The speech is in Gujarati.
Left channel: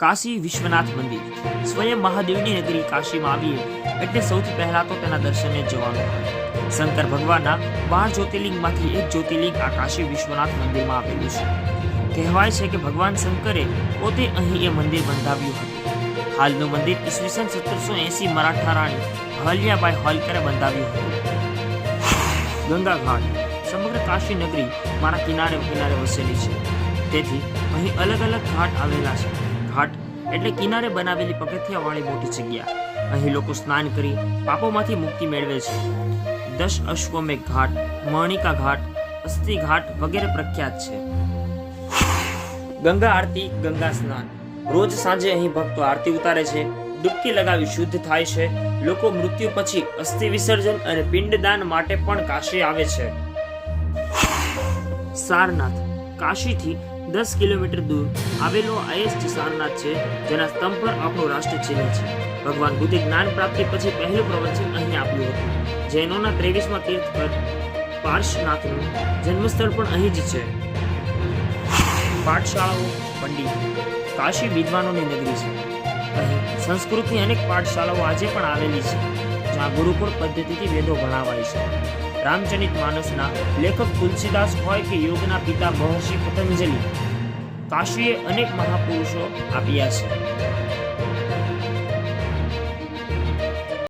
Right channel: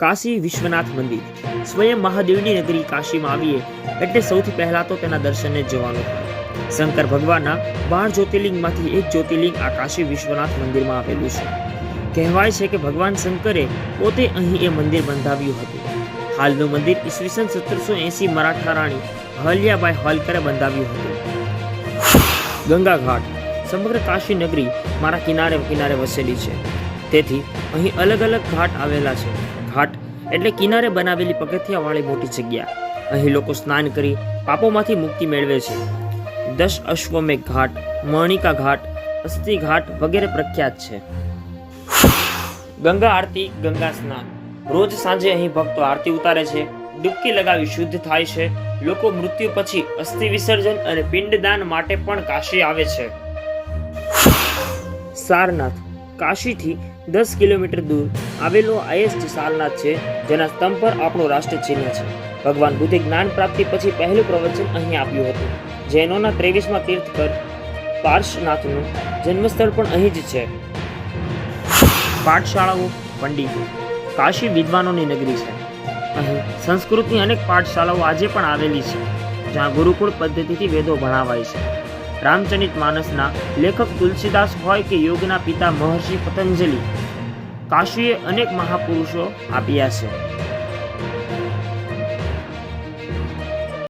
કાશી વિશ્વનાથ મંદિર સ્વયં મહાદેવની નગરી કાશીમાં આવીએ એટલે સૌથી પહેલા તો તેના દર્શને જવાનું હોય। શંકર ભગવાનના 12 જ્યોતિર્લિંગમાંથી એક જ્યોતિર્લિંગ આ કાશી વિશ્વનાથ મંદિરમાં આવેલું છે। કહેવાય છે કે ભગવાન શંકરે પોતે અહીં એ મંદિર બંધાવ્યું હતું। હાલનું મંદિર ઈસવીસન 1780 મરાઠા રાણી અહલ્યાબાઈ હોલકરે બંધાવ્યું હતું। ગંગા ઘાટ સમગ્ર કાશી નગરી મારા કિનારે કિનારે વસેલી છે, તેથી અહીં અલગ અલગ ઘાટ આવેલા છે। ઘાટ એટલે કિનારે બનાવેલી પગથિયાવાળી મોટી જગ્યા। અહીં લોકો સ્નાન કરી પાપોમાંથી મુક્તિ મેળવે છે। 10 અશ્વમેઘ ઘાટ, મણિકા ઘાટ, અસ્થિ ઘાટ વગેરે પ્રખ્યાત છે। ગંગા આરતી, ગંગા સ્નાન રોજ સાંજે અહીં ભક્તો આરતી ઉતારે છે, ડૂબકી લગાવી શુદ્ધ થાય છે। લોકો મૃત્યુ પછી અસ્થિ વિસર્જન અને પિંડદાન માટે પણ કાશી આવે છે। સારનાથ કાશીથી 10 કિલોમીટર દૂર આવેલો ISG સારનાથ છે, જેના સ્તંભ પર આપણું રાષ્ટ્ર ચિહ્ન છે। ભગવાન બુદ્ધે જ્ઞાન પ્રાપ્તિ પછી પહેલું પ્રવચન અહીં આપ્યું હતું। જૈનોના 23મા તીર્થકર પાર્શનાથનું જન્મસ્થળ પણ અહીં જ છે। પાઠશાળાઓ, પંડિતો કાશી વિદ્વાનોની નગરી છે। અહીં સંસ્કૃતની અનેક પાઠશાળાઓ આજે પણ આવેલી છે, જ્યાં ગુરુકુળ પદ્ધતિથી વેદો ભણાવાય છે। રામચરિત માનસના લેખક તુલસીદાસ હોય કે યોગના પિતા મહર્ષિ પતંજલિ, કાશીએ અનેક મહાપુરુષો આપ્યા છે।